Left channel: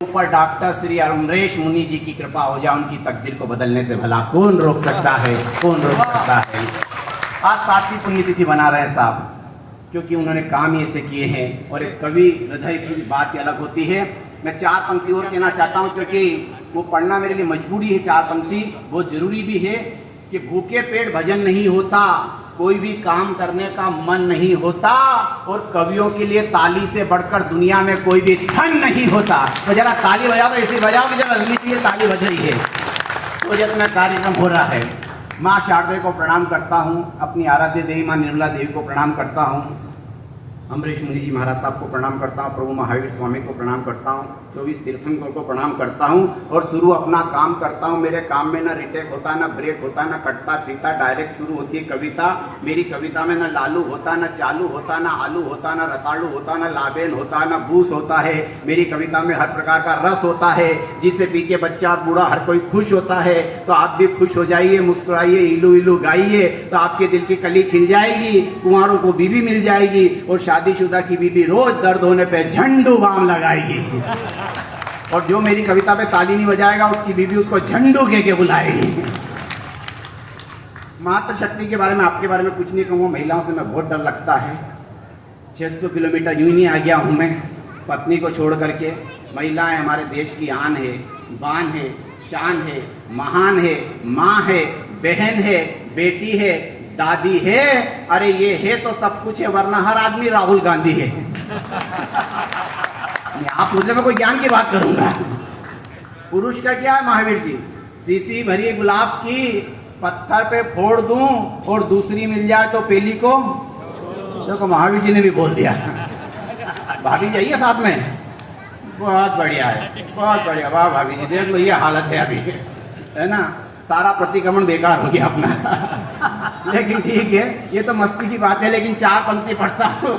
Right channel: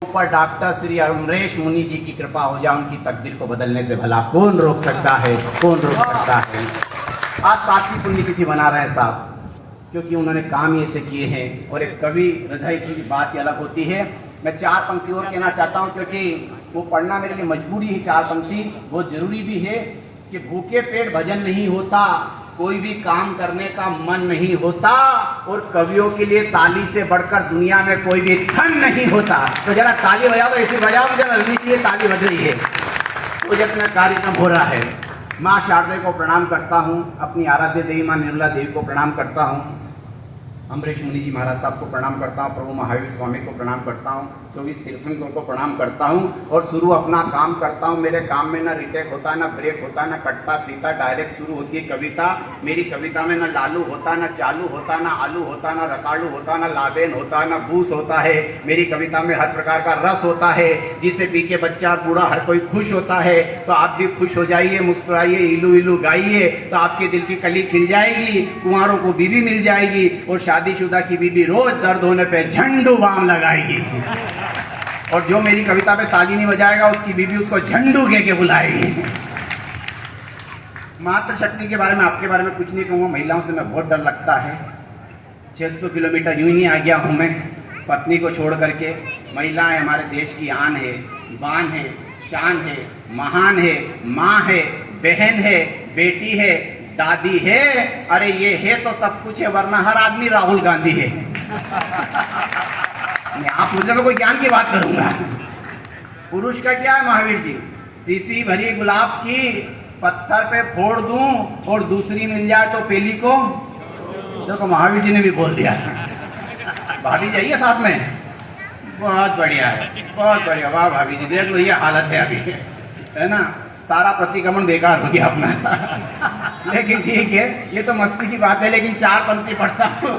ऊपर डॉक्टर श्री अमरेश मुनि जी की कृपा हो जाए, उनकी तकदीर को बदलने से भला कौन रोक सकता है, कौन रोक सकता है। आज 7वीं पुण्यतिथि मना रहे हैं साहब, क्योंकि उन्होंने काम ही ऐसे किए हैं। और एक कवि हृदय की बात ही अलग होती है। मैं 4 पंक्ति और कहना चाहता हूँ, क्योंकि वो पढ़ना मेरे लिए मजबूरी है। 4 पंक्ति बहुत जरूरी भी है कि भूखे पेट भजन नहीं होता, कोई भी काम करने का मन नहीं होता, और कवियों के लिए ताली से बढ़कर दुनिया में कोई भी धन नहीं होता। तो जरा ताली बजाओ, तो ऐसी बजाओ कि जरा लगनी चाहिए ताली बज रही है। तो जब मैं कार्यक्रम हो रहा है, माँ शारदा को प्रणाम करता हूँ, अपनी आराध्य देवी माँ निर्मला देवी को प्रणाम करता हूँ, अमरेश मुनि जी महाराज साहब को प्रणाम करता हूँ, प्रभु महावीर स्वामी को प्रणाम करता हूँ, 24 तीर्थंकरों को प्रणाम करता हूँ और शुरू अपना काम करता हूँ। मेरे काम में न रिटेक होता, न ब्रेक होता, न कटता पीता, डायरेक्ट शुरू होती है कविता। मेरी कविता में न लालू होता, न चालू होता, न आलू होता, न रताड़ू होता, न लाबेन होता, न बूस होता है। मेरी कविता में हर प्रकार का रस होता है, जिसे पी के बच्चा बूढ़ा हर कोई खुश होता है। तो आप भी खुश हो जाइए, मुस्कुराइए, इलू इलू गाइए, तो आपके दिल की कली खिल जाएगी, कुंवारों को बीवी मिल जाएगी, और शादीशुदा की बीबी रोज दर्द होने पे झंडू बाम लगाएगी। और जो मेरी कविता पे ताली नहीं बजाएगा, उसकी बीबी उसको झंडू कह के बुलाएगी। मातृशक्ति के बारे में, आपके बारे में कुछ नहीं कहूँगा। महिलाओं से मैं बहुत डर लगता है। 600 किलोमीटर यूं ही आ गया हूँ मैं पत्नी को छोड़ करके। महिलाएं हमारे देश की आन है, बान है, शान है, महान है, माँ है, बहन है, बेटी है, दादी है। अरे ये है तो सब कुछ है, वरना हर आदमी राहुल गांधी है। आप मुझे में कोई ज्ञान की बात करूंगा। पुरुष का क्या है महावीर जी? सीसी भरी गुलाब की पत्थर पे फोड़ दूं और दूसरी मिल जाए तो पेली को। देखो महावीर जी ने भी बोल दिया। भाभी जाइए साथ में। बहुत बढ़िया है, बहुत बढ़िया। वाह भाभी जी, देख लो ये हालत है अभी, है ना। सारा प्रतिक्रमण बेकार हो गया अपना। लेकिन ठीक है, ये तो मस्ती की बात है। लेकिन 4 पंक्ति पढ़ता हूँ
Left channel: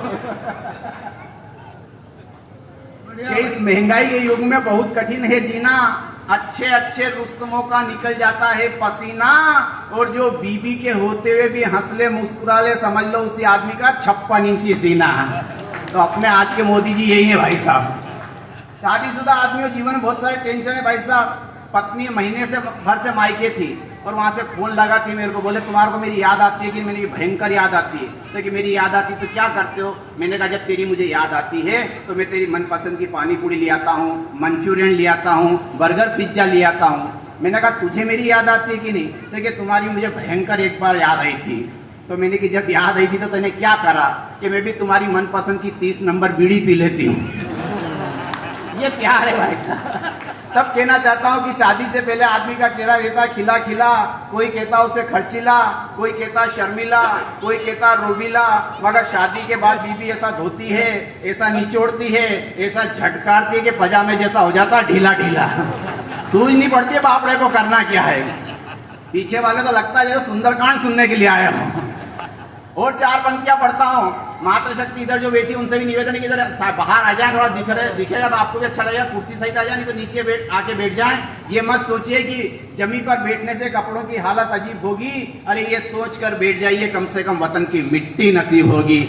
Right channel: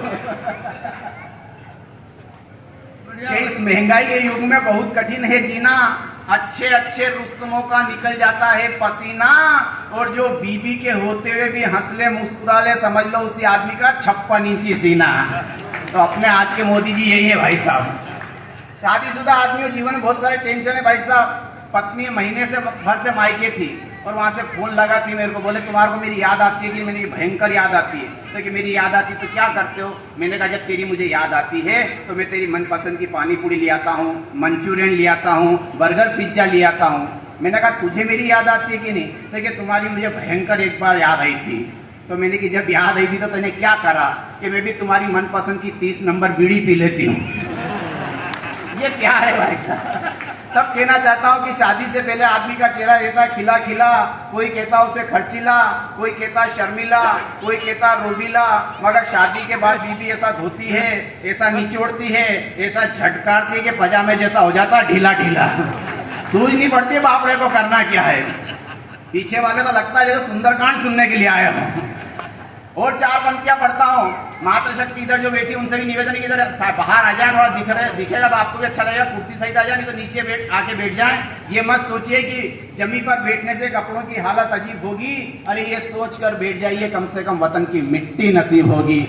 कि इस महंगाई के युग में बहुत कठिन है जीना। अच्छे अच्छे रुस्तमों का निकल जाता है पसीना, और जो बीबी के होते हुए भी हंसले मुस्कुरा ले, समझ लो उसी आदमी का 56 इंची सीना। तो अपने आज के मोदी जी यही है भाई साहब। शादीशुदा आदमी जीवन में बहुत सारे टेंशन है भाई साहब। पत्नी महीने से भर से मायके थी, और वहां से फोन लगा थी मेरे को, बोले तुम्हारे को मेरी याद आती है कि मेरी भयंकर याद आती है। तो कि मेरी याद आती तो क्या करते हो? मैंने कहा जब तेरी मुझे याद आती है तो मैं तेरी मनपसंद की पानी पूरी ले आता हूँ, मंचूरियन ले आता हूँ, बर्गर पिज्जा ले आता हूँ। मैंने कहा तुझे मेरी याद आती है कि नहीं? लेकिन तुम्हारी मुझे भयंकर एक बार याद आई थी। तो मैंने कि जब याद आई थी तो तूने क्या करा? कि मैं भी तुम्हारी मनपसंद की 30 नंबर बीड़ी पी लेती हूँ। ये प्यार है भाई साहब। तब कहना चाहता हूँ कि शादी से पहले आदमी का चेहरा रहता खिला खिला। कोई कहता उसे खर्चीला, कोई कहता शर्मिला, कोई कहता रोबीला, मगर शादी के बाद बीबी ऐसा धोती है, ऐसा निचोड़ती है, ऐसा झटकारती है कि पजामे जैसा हो जाता ढीला ढीला। सूझ नहीं पड़ती बाप रे को करना क्या है। पीछे वाले तो लगता है जैसे सुंदरकांड सुनने के लिए आया हूँ। और 4 पंक्तियां पढ़ता हूँ। मातृशक्ति इधर जो बैठी उनसे भी निवेदन है कि इधर बाहर आ जाए, थोड़ा दिखेगा तो आपको भी अच्छा लगेगा। कुर्सी सहित आ जाए, नहीं तो नीचे आके बैठ जाए। ये मत सोचिए कि जमीन पर बैठने से कपड़ों की हालत अजीब होगी। अरे ये सोच कर बैठ जाइए, कम से कम वतन की मिट्टी नसीब होगी।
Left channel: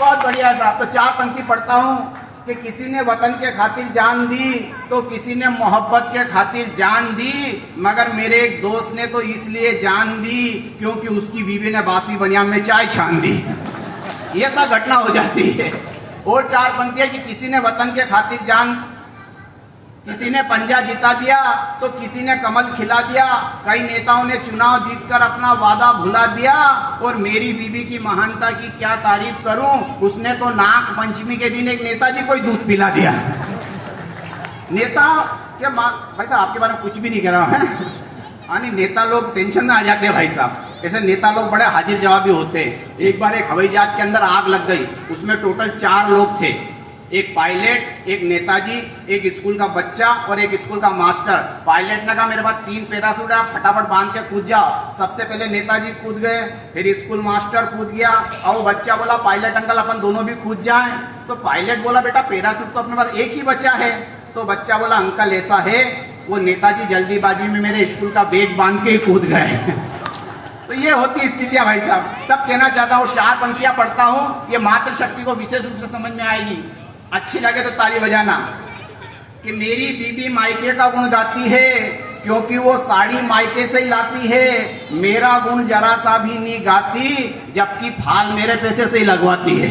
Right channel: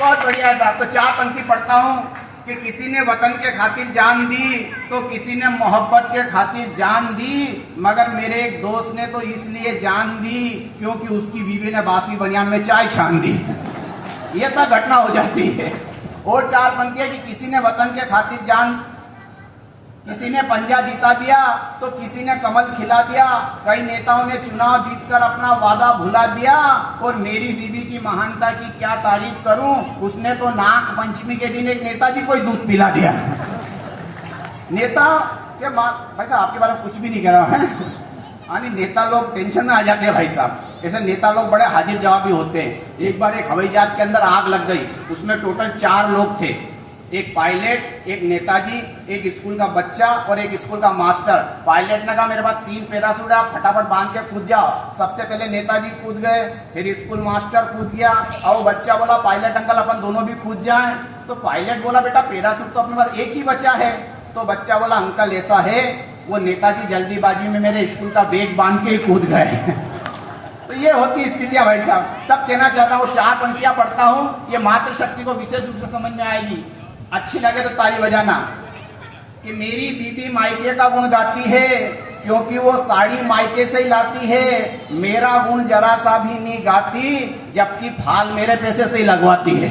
बहुत बढ़िया साहब। तो 4 पंक्ति पढ़ता हूँ कि किसी ने वतन के खातिर जान दी, तो किसी ने मोहब्बत के खातिर जान दी, मगर मेरे एक दोस्त ने तो इसलिए जान दी क्योंकि उसकी बीवी ने बासी बनियान में चाय छान दी। ये तो घटना हो जाती है। और 4 पंक्तियां कि किसी ने वतन के खातिर जान, किसी ने पंजा जिता दिया तो किसी ने कमल खिला दिया। कई नेताओं ने चुनाव जीतकर अपना वादा भुला दिया, और मेरी बीबी की महानता की क्या तारीफ करूं। उसने तो नाग पंचमी के दिन एक नेताजी को ही दूध पिला दिया। नेता क्या भाई साहब, आपके बारे में कुछ भी नहीं कह रहा है। यानी नेता लोग टेंशन में आ जाते हैं भाई साहब। ऐसे नेता लोग बड़े हाजिर जवाबी होते हैं। एक बार एक हवाई जहाज के अंदर आग लग गई। उसमें टोटल 4 लोग थे, एक पायलट, एक नेताजी, एक स्कूल का बच्चा और एक स्कूल का मास्टर। पायलट ने कहा मेरे पास 3 पैराशूट है, आप फटाफट बांध के कूद जाओ। सबसे पहले नेताजी कूद गए, फिर स्कूल मास्टर कूद गया, और वो बच्चा बोला पायलट अंकल अपन दोनों भी कूद जाएं। तो पायलट बोला बेटा पैराशूट तो अपने पास एक ही बच्चा है। तो बच्चा बोला अंकल ऐसा है, वो नेताजी जल्दीबाजी में मेरे स्कूल का बैग बांध के ही कूद गए। तो ये होती स्थितियां भाई साहब। तब कहना चाहता हूँ 4 पंक्तियां पढ़ता हूँ, ये मातृशक्ति को विशेष रूप से समझ में आएगी। अच्छी लगे तो ताली बजाना। कि मेरी बीबी मायके का गुण गाती है क्योंकि वो साड़ी मायके से ही लाती है, मेरा गुण जरा सा भी नहीं गाती जबकि फाल मेरे पैसे से ही लगवाती है।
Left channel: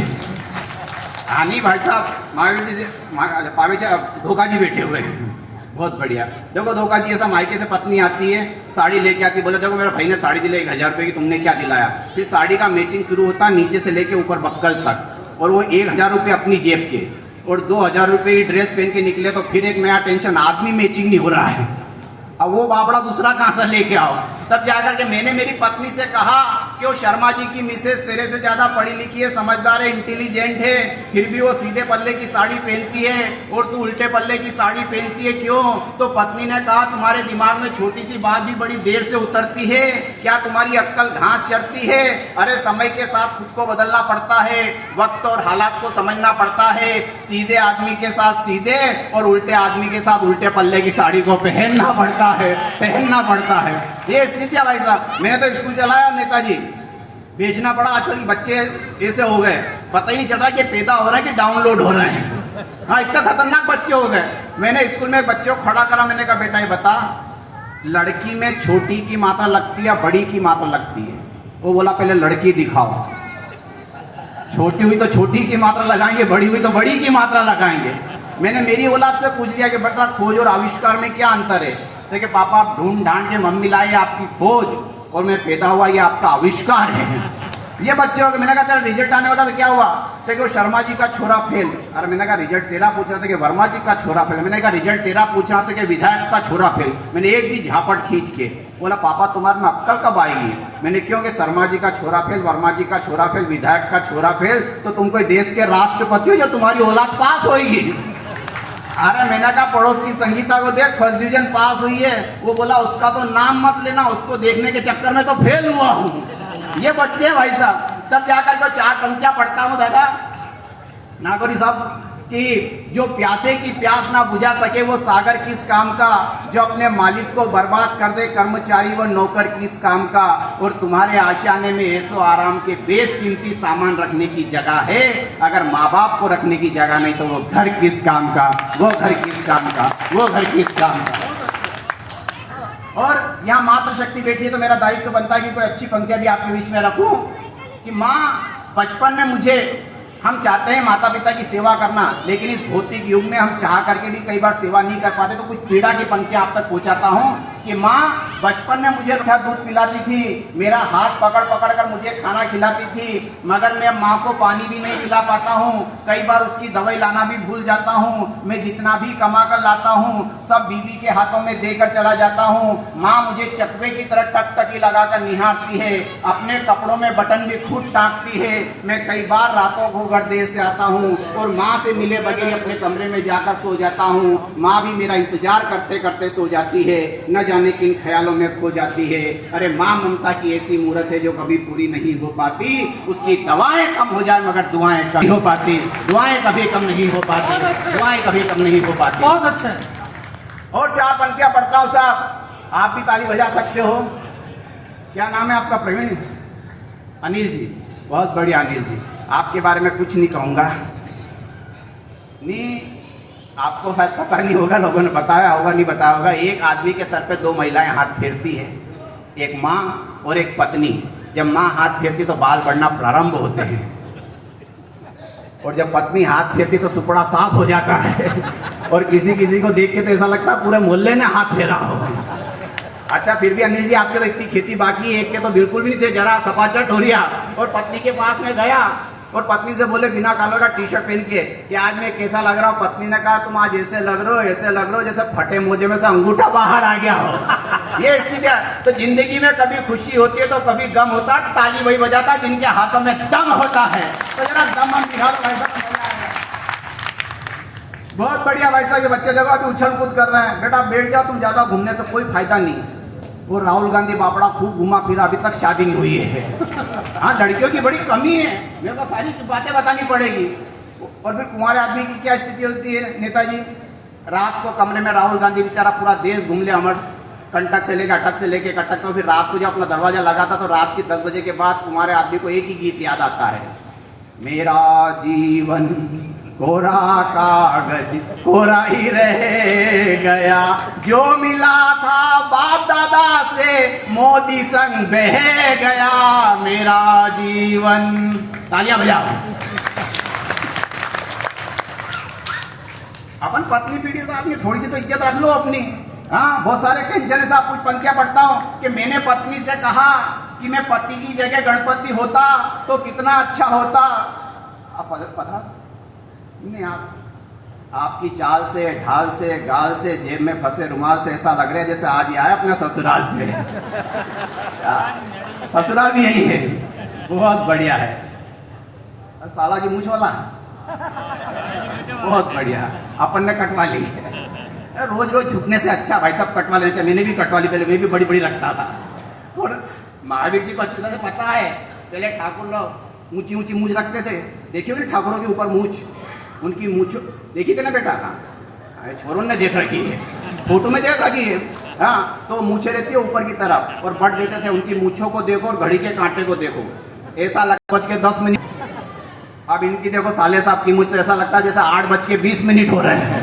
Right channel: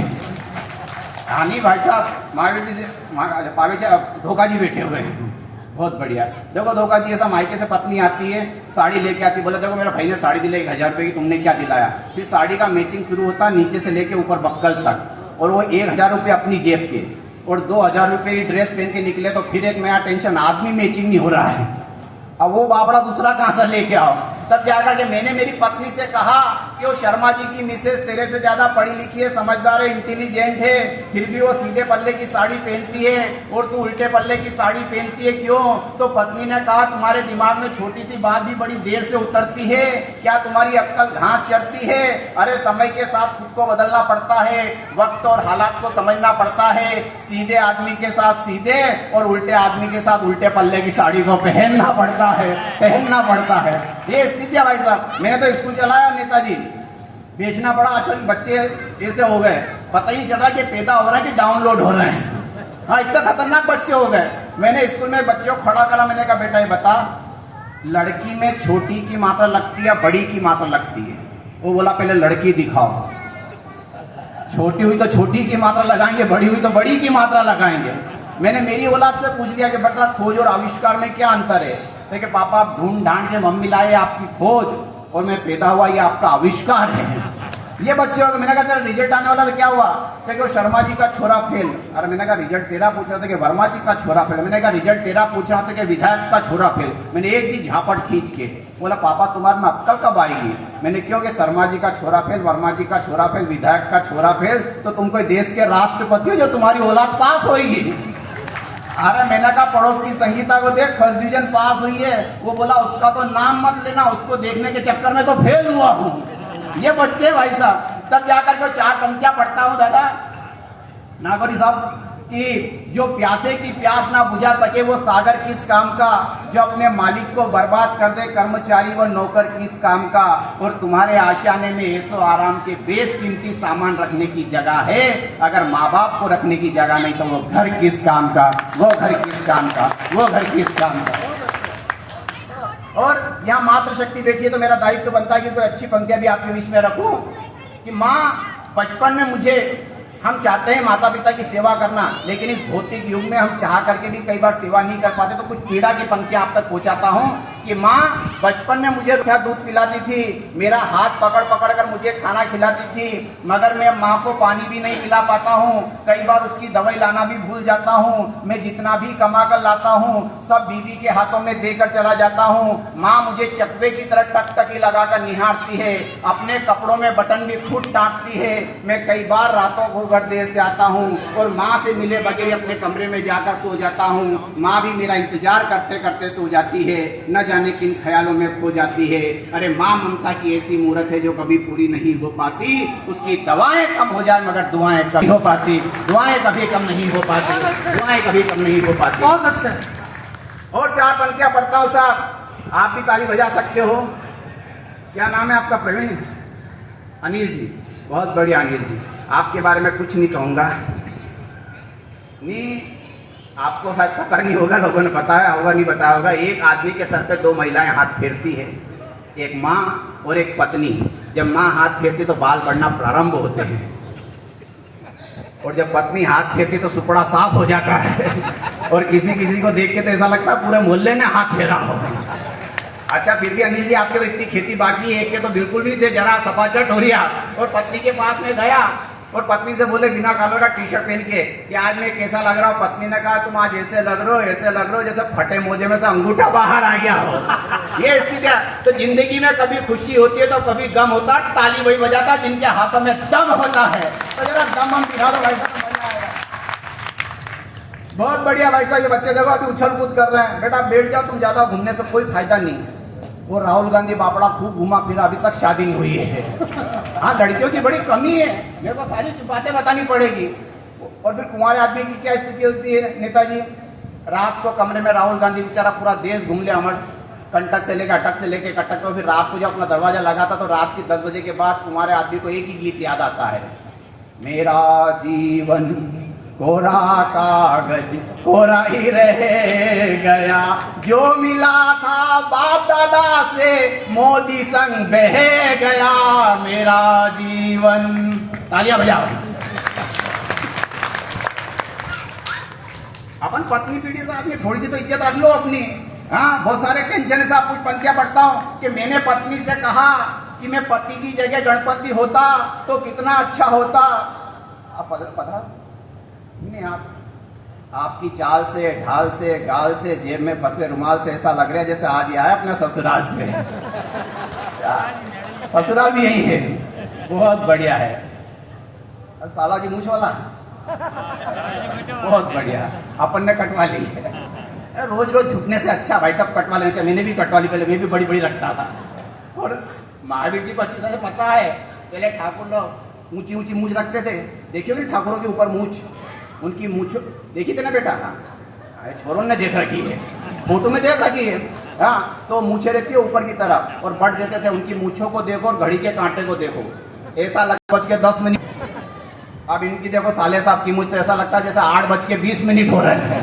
हाँ नहीं भाई साहब, महावीर जी धोखा जी बैठे हुए हैं, बहुत बढ़िया। देखो धोखा जी ऐसा मायके से पत्नी आती है, साड़ी लेके आती है, बोले देखो मेरे भाई ने साड़ी दिलाई 1000 रुपए की, तुमने क्या दिलाया। फिर साड़ी का मैचिंग शुरू होता नीचे से लेके ऊपर बक्कल तक, और वो 1000 रुपये अपनी जेब के और 2000 रुपये की ड्रेस पहन के निकले तो फिर एक नया टेंशन, आदमी मैचिंग नहीं हो रहा है, अब वो बाबड़ा दूसरा कहां से लेके आओ। तब जाकर के मैंने मेरी पत्नी से कहा कि वो शर्मा जी की मिसेस तेरे से ज्यादा पढ़ी लिखी है, समझदार है, इंटेलिजेंट है, फिर भी वो सीधे पल्ले की साड़ी पहनती है और तू उल्टे पल्ले की साड़ी पहनती है, क्यों। तो पत्नी ने कहा तुम्हारे दिमाग में छोटी सी बात भी बड़ी देर से उतरती है, क्या तुम्हारी अक्कल घास चरती है। अरे समय के साथ खुद को बदलना पड़ता है, वक्त और हालात को समझना पड़ता है, सीधे आदमी के साथ सीधे और उल्टे आदमी के साथ उल्टे पल्ले की साड़ी को पहनना पड़ता है, पहनना पड़ता है। ये स्थिति है भाई साहब। मैंने तो स्कूल चलाया नेताजी, बेचना पड़ा। आजकल के बच्चे ऐसे हो गए, पता ही नहीं चल रहा कि पैदा हो रहा है कि डाउनलोड हो रहे हैं। हाँ इतना खतरनाक बच्चे हो गए। मैंने स्कूल में बच्चों को खड़ा करा, मैंने कहा बेटा ये बता, लड़की में छोटी की मात्रा लगती है बड़ी की मात्रा लगती है। वो बोला पहले लड़की दिखाओ, छोटी हुई तो छोटी की मात्रा लगाएंगे, बड़ी हुई तो बड़ी की मात्रा लगाएंगे। मैंने मेरी औलाद से पूछ लिया कि बेटा खोज और आविष्कार में क्या अंतर है। तो कि पापा आप ढूंढ ढांड के मम्मी लाए आपकी खोज और मैं पैदा हुआ ये आपका आविष्कार है। ये बच्चे हो गए। मैंने कहा तेरा रिजल्ट आने वाला तो क्या हुआ। तो कि शर्मा जी का छोरा फेल। अरे मैंने कहा रिजल्ट तेरा पूछ रहा था कि वर्मा जी का छोरा फेल। मैंने कहा रिजल्ट तेरा पूछ रहा था कि विधायक का छोरा फेल। मैंने एक दी झापट खींच के बोला पापा तुम्हारे में अक्कल कब आएगी। मैंने क्यों कि शर्मा जी का छोरा फेल, वर्मा जी का छोरा फेल, विधायक का छोरा फेल, तो तुम कोई देश के राष्ट्रपति हो जो तुम्हारी औलाद पास होगी। अरे मैंने कहा पड़ोस की संगीता को देख, फर्स्ट डिवीजन पास हुई है। वो बोला उसका तो नाम मत लेना, उसको देखने के चक्कर में तो फेल हुआ हूँ। ये बच्चे भाई साहब। तब जाकर के 4 पंक्तियां पढ़ता हूँ दादा नागौरी साहब कि जो प्यासे की प्यास ना बुझा सके वो सागर किस काम का, जो अपने मालिक को बर्बाद कर दे कर्मचारी व नौकर किस काम का, और तुम्हारे आशियाने में ऐसो आराम के बेशकीमती सामान रखने की जगह है, अगर माँ बाप को रखने की जगह नहीं तो वो घर किस काम का, वो घर किस काम का, वो घर किस काम का। और यहाँ मातृशक्ति बैठी है तो मेरा दायित्व बनता है कि कोई अच्छी पंक्तियां भी आपके बीच में रखूं कि माँ बचपन में मुझे, हम चाहते हैं माता पिता की सेवा करना, लेकिन इस भौतिक युग में हम चाह करके भी कई बार सेवा नहीं कर पाते, तो कुछ पीड़ा की पंक्तियां आप तक पहुंचाता हूं कि माँ बचपन में मुझे दूध पिलाती थी, मेरा हाथ पकड़ पकड़ कर मुझे खाना खिलाती थी, मगर मैं माँ को पानी भी नहीं पिला पाता हूँ, कई बार उसकी दवाई लाना भी भूल जाता हूँ, मैं जितना भी कमा कर लाता हूँ सब बीवी के हाथों में देकर चला जाता हूँ। माँ मुझे चकवे की तरह टकटकी लगाकर निहारती है, अपने कपड़ों में बटन भी खुद टाँगती है, मैं कई बार रातों को घर देर से आता हूँ और माँ से मिले बगैर अपने कमरे में जाकर सो जाता हूँ। माँ भी मेरा इंतजार करते करते सो जाती है, न जाने किन ख्यालों में खो जाती है। अरे माँ ममता की ऐसी मूरत है जो कभी पूरी नहीं हो पाती, उसकी दवाएं कम हो जाए मगर दुआएं कम नहीं हो पाती, दुआएं कभी कम नहीं हो पाती, दुआएं कभी कम नहीं हो पाती। बहुत अच्छा है। और 4 पंक्तियां पढ़ता हूँ साहब, आप भी ताली बजा सकते हो। क्या नाम है आपका। प्रवीण अनिल जी, बहुत बढ़िया अनिल जी, आपके बारे में कुछ नहीं कहूंगा। नहीं आपको शायद पता नहीं होगा, लोगों ने बताया होगा नहीं बताया होगा। एक आदमी के सर पे 2 महिलाएं हाथ फेरती है, एक माँ और एक पत्नी। जब माँ हाथ फेरती तो बाल बढ़ना प्रारंभ होते हैं, और जब पत्नी हाथ फेरती तो सुपड़ा साफ हो जाता है, और किसी किसी को देख के तो ऐसा लगता है पूरे मोहल्ले ने हाथ फेरा हो। अच्छा फिर भी अनिल जी आपके तो इतनी खेती बाकी है, एक के तो बिल्कुल भी नहीं थे, जरा सपाचट हो रही आप। और पत्नी के पास में गया और पत्नी से बोले बिना कलर का टी-शर्ट पहन के कि आज मैं कैसा लग रहा हूँ। पत्नी ने कहा तुम आज ऐसे लग रहे हो, ऐसे लग रहे हो जैसे फटे मोजे में से अंगूठा बाहर आ गया हो। ये स्थिति है। तो जिंदगी में कभी खुशी होती है तो कभी गम होता है, ताली वही बजाता है जिनके हाथों में दम होता है। तो जरा दम हम दिखा दो भाई। बहुत बढ़िया भाई साहब। ये बच्चे देखो अभी उछल कूद कर रहे हैं। बेटा बैठ जाओ, तुम ज्यादा घूमने से कोई फायदा नहीं। वो राहुल गांधी बापड़ा खूब घूमा फिरा, अभी तक शादी नहीं हुई है। हाँ लड़कियों की बड़ी कमी है, मेरे को सारी बातें बतानी पड़ेगी। और फिर कुंवारे आदमी की क्या स्थिति होती है नेताजी। रात को कमरे में राहुल गांधी बेचारा पूरा देश घूम ले, अमर कंटक से लेकर अटक से लेकर कटक। तो फिर रात को जब अपना दरवाजा लगाता तो रात के 10 बजे के बाद कुंवारे आदमी को एक ही गीत याद आता है, मेरा जीवन कोरा कागज कोरा ही रह गया, जो मिला था बाप दादा से मोदी संग बह गया मेरा जीवन। तालियां बजाओ। अपन पत्नी पीढ़ी का आदमी, थोड़ी सी तो इज्जत रख लो अपनी। हाँ, बहुत सारे टेंशन है साहब। कुछ पंक्तियां पढ़ता हूं कि मैंने पत्नी से कहा कि मैं पति की जगह गणपति होता तो कितना अच्छा होता। आप पता नहीं, आपकी चाल से, ढाल से, गाल से, जेब में फंसे रुमाल से ऐसा लग रहा है जैसे आज ही आया अपने ससुराल से। ससुराल भी यही है, बहुत बढ़िया है। साला जी मूछ वाला बहुत बढ़िया, अपन ने कटवा ली है। रोज रोज झुकने से अच्छा भाई साहब कटवा लेना चाहिए। मैंने भी कटवा ली, पहले मैं भी बड़ी बड़ी रखता था। और महावीर जी को अच्छी तरह से पता है, पहले ठाकुर लोग ऊंची ऊंची मूछ रखते थे। देखिए कि ठाकुरों के ऊपर मूछ, उनकी मूछ देखी थी ना बेटा? छोरों ने देख रखी है, फोटो में देख रखी है। हाँ, तो मूछे रहती है ऊपर की तरफ और बट देते थे। उनकी मूछों को देखो और घड़ी के कांटे को देखो, ऐसा लगता 8:10। अब इनकी देखो साले साहब की मूछ, तो ऐसा लगता है जैसे 8:20 हो रहे हैं।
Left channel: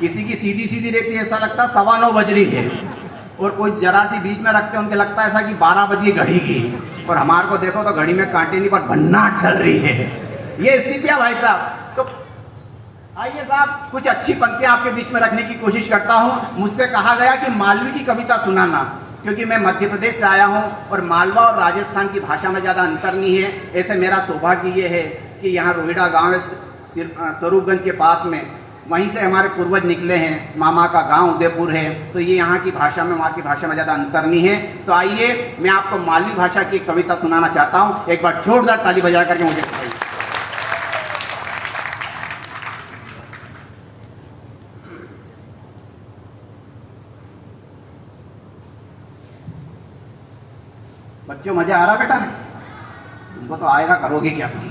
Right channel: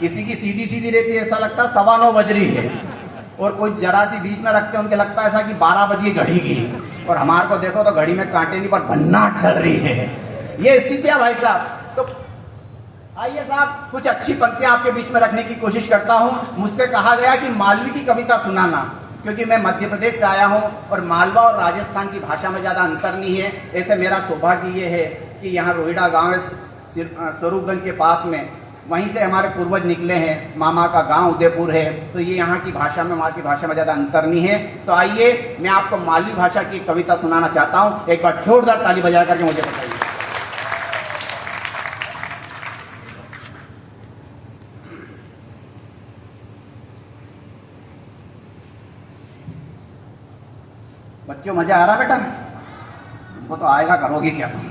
किसी की सीधी सीधी रहती है, ऐसा लगता है 9:15 बज रही है। और कोई जरा सी बीच में रखते हैं, उनके लगता है ऐसा कि 12 बजी घड़ी की। और हमारे को देखो तो घड़ी में कांटे नहीं पर भन्नाट चल रही है। ये स्थिति है भाई साहब। तो आइए साहब, कुछ अच्छी पंक्तियां आपके बीच में रखने की कोशिश करता हूं। मुझसे कहा गया कि मालवी की कविता सुनाना, क्योंकि मैं मध्य प्रदेश से आया हूं और मालवा और राजस्थान की भाषा में ज्यादा अंतर नहीं है। ऐसे मेरा सौभाग्य ये है कि यहाँ रोहिड़ा गांव है, स्वरूपगंज के पास में, वहीं से हमारे पूर्वज निकले हैं। मामा का गांव उदयपुर है, तो ये यहाँ की भाषा में, वहाँ की भाषा में ज्यादा अंतर नहीं है। तो आइए मैं आपको मालवी भाषा की कविता सुनाना चाहता हूँ। एक बार जोरदार ताली बजा करके मुझे बताइए। बच्चों मजा आ रहा बेटा? तुमको तो आएगा, करोगे क्या तुम?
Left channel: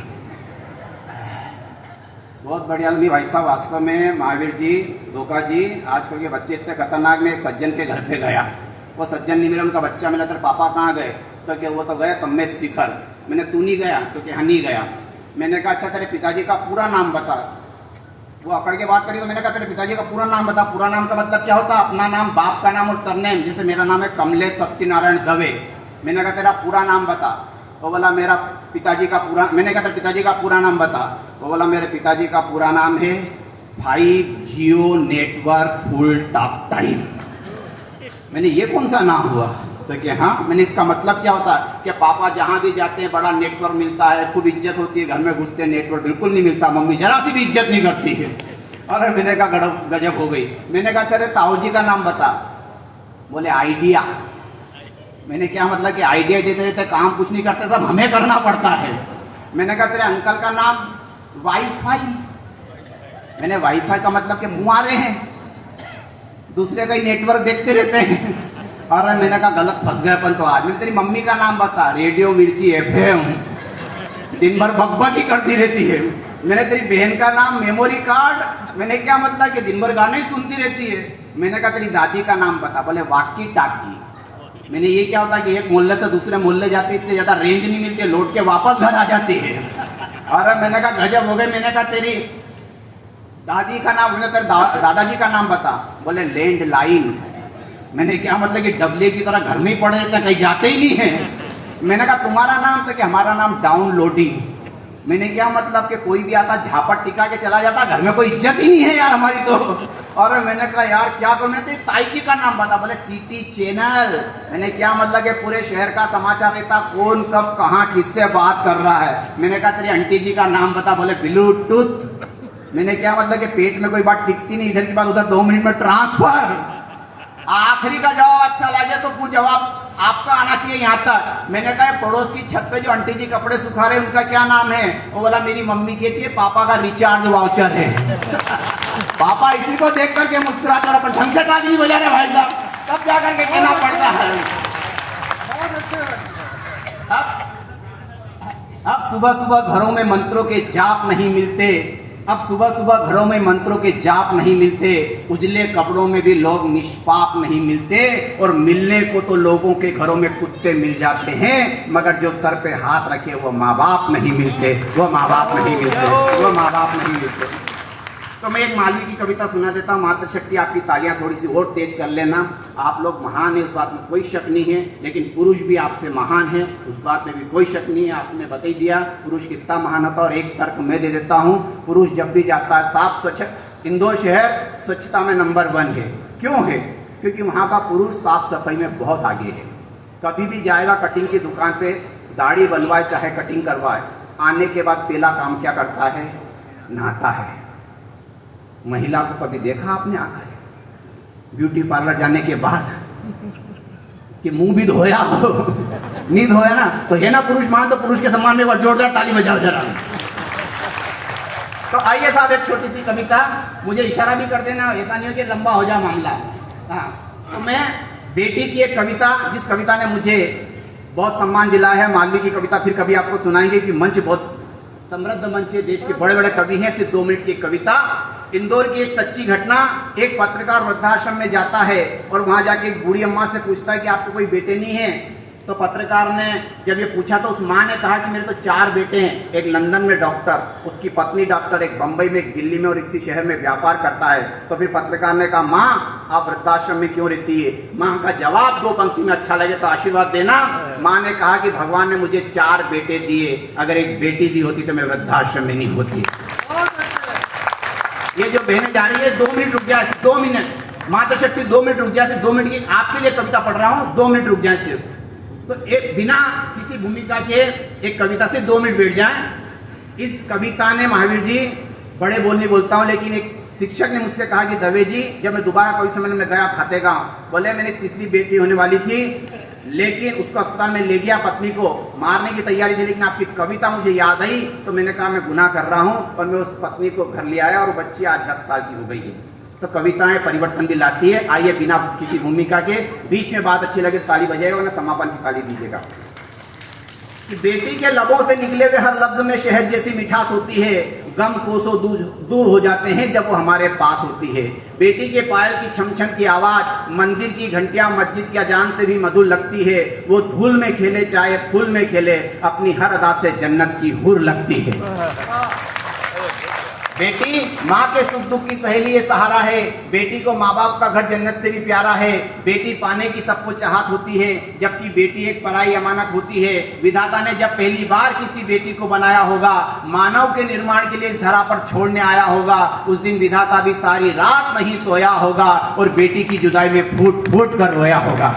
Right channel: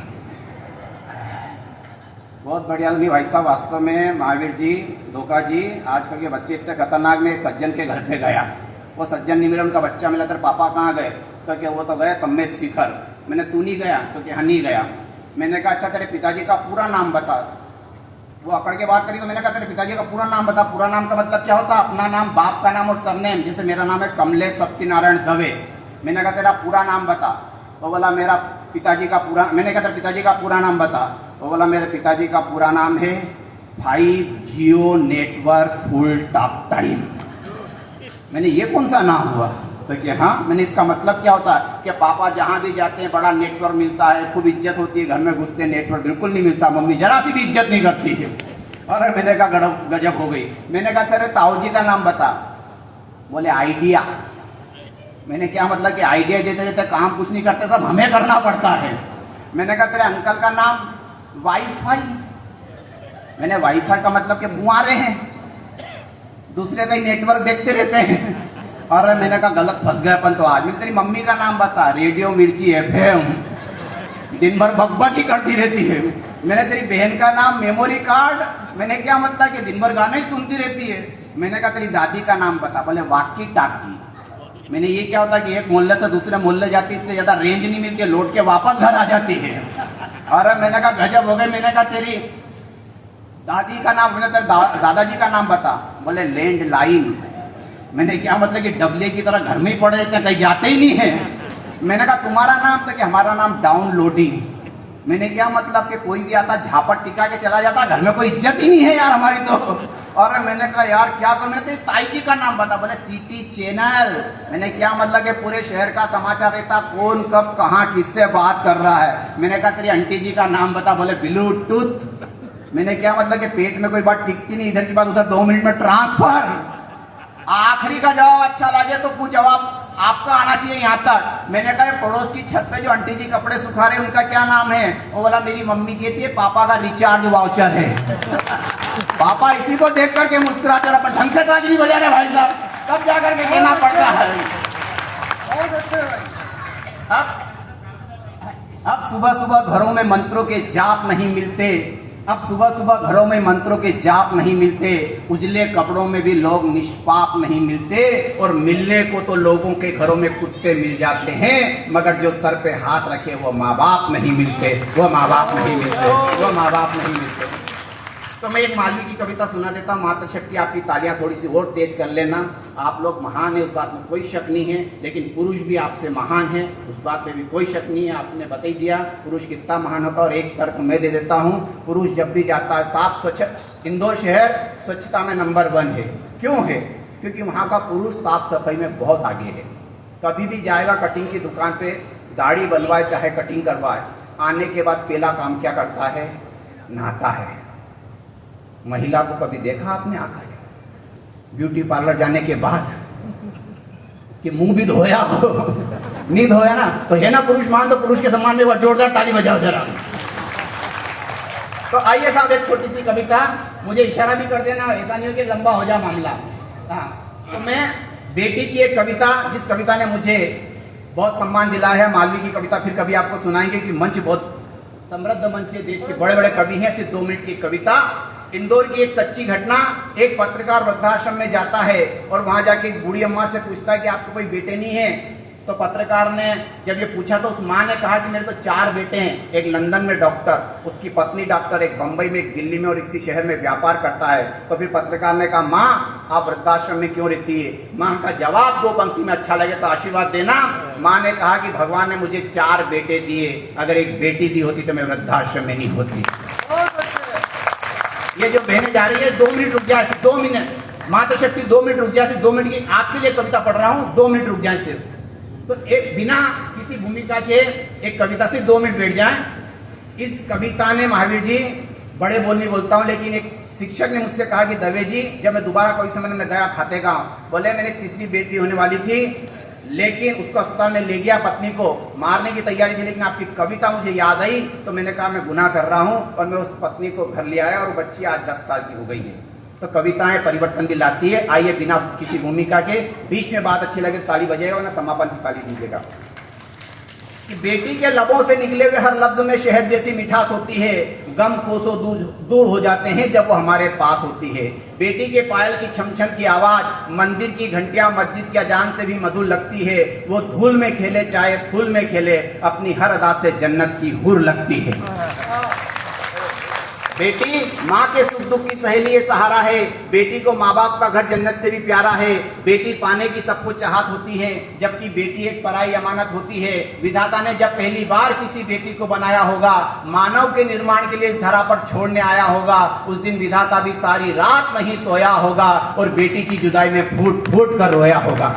बहुत बढ़िया लगी भाई साहब। वास्तव में महावीर जी, धोखा जी, आजकल के बच्चे इतने खतरनाक। में सज्जन के घर पे गया, वो सज्जन नहीं मिला, उनका बच्चा मिला। तेरे पापा कहाँ गए? तो क्या वो तो गए सम्मेत शिखर। मैंने तू नहीं गया? तो क्या नहीं गया। मैंने कहा अच्छा तेरे पिताजी का पूरा नाम बता। वो अकड़ के बात करी, तो मैंने कहा तेरे पिताजी का पूरा नाम बता। पूरा नाम का मतलब क्या होता? अपना नाम, बाप का नाम और सरनेम। जैसे मेरा नाम है कमलेश सत्यनारायण दवे। मैंने कहा तेरा पूरा नाम बता। वो बोला मेरा पिताजी का पूरा। मैंने कहा तेरे पिताजी का पूरा नाम बता। वो बोला मेरे पिताजी का पूरा नाम है 5G network full talk time. मैंने ये कौन सा नाम हुआ? तो कि हाँ। मैंने इसका मतलब क्या होता है कि पापा जहां भी जाते हैं बड़ा नेटवर्क मिलता है, खूब इज्जत होती है। घर में घुसते हैं, नेटवर्क बिल्कुल नहीं मिलता, मम्मी जरा सी भी इज्जत नहीं करती है। अरे मैंने कहा गजब हो गई। मैंने कहा तेरे ताऊ जी का नाम बता। बोले आइडिया। मैंने क्या मतलब कि आइडिया देते देते काम कुछ नहीं करते, सब हमें करना पड़ता है। मैंने कहा तेरे अंकल का नाम वाईफाई। मैंने वाईफाई का मतलब कि मुआरे हैं, दूसरे का ही नेटवर्क देखते रहते हैं। और मैंने कहा गलत फंस गए अपन तो आज। मैंने तेरी मम्मी का नाम बता। रेडियो मिर्ची FM, दिन भर बकबक ही करती रहती है। मैंने तेरी बहन का नाम मेमोरी कार्ड। मैंने क्या मतलब कि दिन भर गाने ही सुनती रहती है। मैंने कहा तेरी दादी का नाम बता। बोले वाकी टाकी। मैंने ये क्या होता है कि एक मोहल्ले से दूसरे मोहल्ले जाती है, इससे ज्यादा रेंज नहीं मिलती है, लौट के वापस घर आ जाती है। और मैंने कहा गजब हो गई। मैंने कहा तेरी दादी का नाम, मैंने तेरे दादाजी का नाम बता। बोले लैंड लाइन। मैंने क्या मतलब कि डबले की तरह घर में ही पड़े रहते हैं, कहीं जाते ही नहीं है। मैंने कहा तुम्हारा नाम? तो कि हमारा नाम डाउनलोडिंग। मैंने क्या मतलब कि कोई भी आता झापट टिका के चला जाता, घर में कोई इज्जत ही नहीं है यार हमारी तो। और मैंने कहा यार क्या करूं? मैंने तो ताई जी का नाम बता। बोले सिटी चैनल। मैंने क्या मतलब कि पूरे शहर का समाचार रहता, कौन कब कहाँ किससे बात कर रहा है। मैंने कहा तेरी आंटी जी का नाम बता। बोले ब्लूटूथ। मैंने क्या मतलब कि पेट में कोई बात टिकती नहीं, इधर की बात उधर 2 मिनट में ट्रांसफर। आखिरी का जवाब अच्छा लगे तो कुछ जवाब आपका आना चाहिए यहाँ तक। मैंने कहा पड़ोस की छत पे जो आंटी जी कपड़े सुखा रहे उनका क्या नाम है? वो बोला मेरी मम्मी कहती है पापा का रिचार्ज वाउचर है। पापा इसी को देख करके मुस्कुराते और अपन ढंग से ताली नहीं बजा रहे भाई साहब, तब जा करके कहना पड़ता है। अब सुबह सुबह घरों में मंत्रों के जाप नहीं मिलते, अब सुबह सुबह घरों में मंत्रों के जाप नहीं मिलते, उजले कपड़ों में भी लोग निष्पाप नहीं मिलते, और मिलने को तो लोगों के घरों में कुत्ते मिल जाते हैं, मगर जो सर पे हाथ रखे वो माँ बाप नहीं मिलते, वो माँ बाप नहीं मिलते, वो माँ बाप नहीं मिलते। तो मैं एक मालवी की कविता सुना देता हूँ। मातृशक्ति आपकी तालियां थोड़ी सी और तेज कर लेना। आप लोग महान है, उस बात में कोई शक नहीं है, लेकिन पुरुष भी आपसे महान है, उस बात में भी कोई शक नहीं है। आपने बता ही दिया पुरुष कितना महान होता है। और एक तर्क मैं दे देता हूँ, पुरुष जब भी जाता है साफ स्वच्छ, इंदौर शहर स्वच्छता में नंबर 1 है। क्यों है? क्योंकि वहाँ का पुरुष साफ सफाई में बहुत आगे है। कभी भी जाएगा कटिंग की दुकान पे, दाढ़ी बनवाए चाहे कटिंग करवाए, आने के बाद पहला काम क्या करता है? नहाता है। महिला को कभी देखा आपने आकर ब्यूटी पार्लर जाने के बाद कि मुंह भी धोया हो? नहीं धोया ना, तो है ना पुरुष मान, तो पुरुष के सम्मान में वो जोरदार ताली बजाओ जरा। तो आइए साहब, एक छोटी सी कविता, मुझे इशारा भी कर देना, ऐसा नहीं हो कि लंबा हो जाए मामला। हाँ, तो मैं बेटी की एक कविता, जिस कविता ने मुझे बहुत सम्मान दिलाया है, मालवी की कविता फिर कभी आपको सुनाएंगे कि मंच बहुत समृद्ध मंच है, देश के बड़े बड़े कवि हैं। सिर्फ 2 मिनट की कविता। इंदौर की एक सच्ची घटना। एक पत्रकार वृद्धाश्रम में जाता है और वहां जाके एक बूढ़ी अम्मा से पूछता है कि आपको कोई बेटे नहीं है? तो पत्रकार ने जब ये पूछा तो उस माँ ने कहा कि मेरे तो 4 बेटे हैं, एक लंदन में डॉक्टर, उसकी पत्नी डॉक्टर, एक बंबई में, एक दिल्ली में और इसी शहर में व्यापार करता है। तो फिर पत्रकार ने कहा, माँ आप वृद्धाश्रम में क्यों रहती है? माँ का जवाब 2 पंक्ति में अच्छा लगे तो आशीर्वाद देना। माँ ने कहा कि भगवान ने मुझे 4 बेटे दिए, अगर एक बेटी दी होती तो मैं वृद्धाश्रम में नहीं होती। ये जो बहने जा रही है, 2 मिनट रुक जाए, 2 मिनट, मातृशक्ति 2 मिनट रुक जाए, 2 मिनट की आपके लिए कविता पढ़ रहा हूँ, 2 मिनट रुक जाए सिर्फ। तो एक बिना किसी भूमिका के एक कविता से 2 मिनट बैठ जाए। इस कविता ने, महावीर जी बड़े बोल नहीं बोलता हूँ, लेकिन एक शिक्षक ने मुझसे कहा कि दवे जी, जब मैं दोबारा कवि सम्मेलन में गया खातेगांव, बोले मेरी तीसरी बेटी होने वाली थी, लेकिन उसको अस्पताल में ले गया, पत्नी को मारने की तैयारी थी, लेकिन आपकी कविता मुझे याद आई तो मैंने कहा मैं गुनाह कर रहा हूं, और मैं उस पत्नी को घर ले आया और बच्ची आज 10 साल की हो गई है। तो कविताएं परिवर्तन भी लाती है। आइए बिना किसी भूमिका के, बीच में बात अच्छी लगे ताली बजाएगा, और समापन की ताली दीजिएगा। कि बेटी के लबों से निकले हुए हर लफ्ज में शहद जैसी मिठास होती है, गम कोसों दूर हो जाते हैं जब वो हमारे पास होती है। बेटी के पायल की छम छम की आवाज, मंदिर की घंटियां मस्जिद की अजान से भी मधुर लगती है। वो धूल में खेले चाहे फूल में खेले, अपनी हर अदा से जन्नत की हूर लगती है। बेटी माँ के सुख दुख की सहेली है, सहारा है। बेटी को माँ बाप का घर जन्नत से भी प्यारा है। बेटी पाने की सबको चाहत होती है, जबकि बेटी एक पराई अमानत होती है। विधाता ने जब पहली बार किसी बेटी को बनाया होगा, मानव के निर्माण के लिए इस धरा पर छोड़ने आया होगा, उस दिन विधाता भी सारी रात नहीं सोया होगा और बेटी की जुदाई में फूट फूट कर रोया होगा।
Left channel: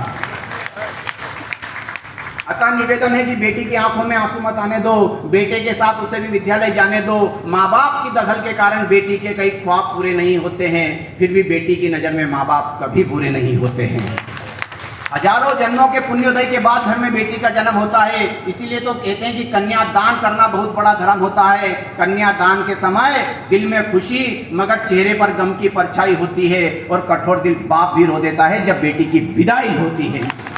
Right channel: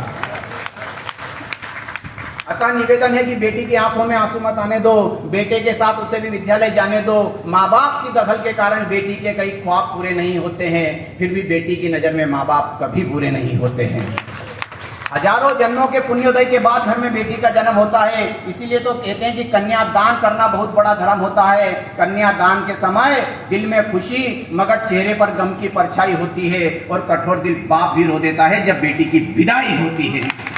अतः निवेदन है कि बेटी की आंखों में आंसू मत आने दो, बेटे के साथ उसे भी विद्यालय जाने दो। माँ बाप की दखल के कारण बेटी के कई ख्वाब पूरे नहीं होते हैं, फिर भी बेटी की नजर में माँ बाप कभी बुरे नहीं होते हैं। हजारों जन्मों के पुण्योदय के बाद घर में बेटी का जन्म होता है। इसीलिए तो कहते हैं कि कन्यादान करना बहुत बड़ा धर्म होता है। कन्यादान के समय दिल में खुशी मगर चेहरे पर गम की परछाई होती है, और कठोर दिल बाप भी रो देता है जब बेटी की विदाई होती है।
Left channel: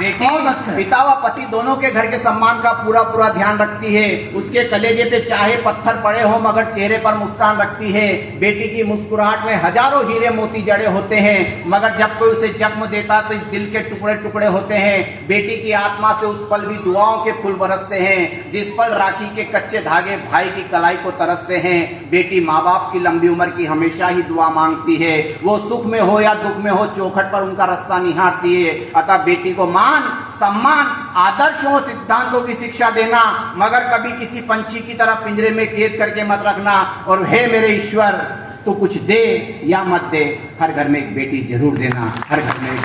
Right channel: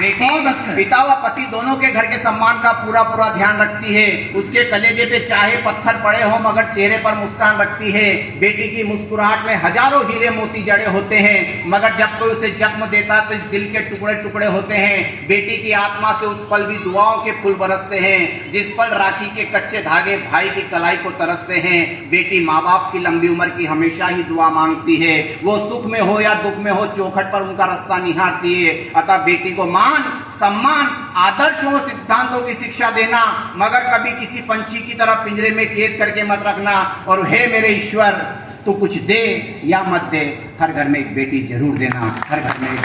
बेटी पिता व पति दोनों के घर के सम्मान का पूरा ध्यान रखती है। उसके कलेजे पे चाहे पत्थर पड़े हो मगर चेहरे पर मुस्कान रखती है। बेटी की मुस्कुराहट में हजारों हीरे मोती जड़े होते हैं, मगर जब कोई उसे जख्म देता तो इस दिल के टुकड़े टुकड़े होते हैं। बेटी की आत्मा से उस पल भी दुआओं के फूल बरसते हैं, जिस पल राखी के कच्चे धागे भाई की कलाई को तरसते हैं। बेटी माँ बाप की लंबी उम्र की हमेशा ही दुआ मांगती है। वो सुख में हो या दुख में हो, चौखट पर उनका रास्ता निहारती है। अतः बेटी को सम्मान, आदर्शों, सिद्धांतों की शिक्षा देना, मगर कभी किसी पंछी की तरह पिंजरे में कैद करके मत रखना। और हे मेरे ईश्वर, तो कुछ दे या मत दे, हर घर में एक बेटी जरूर देना, हर घर में।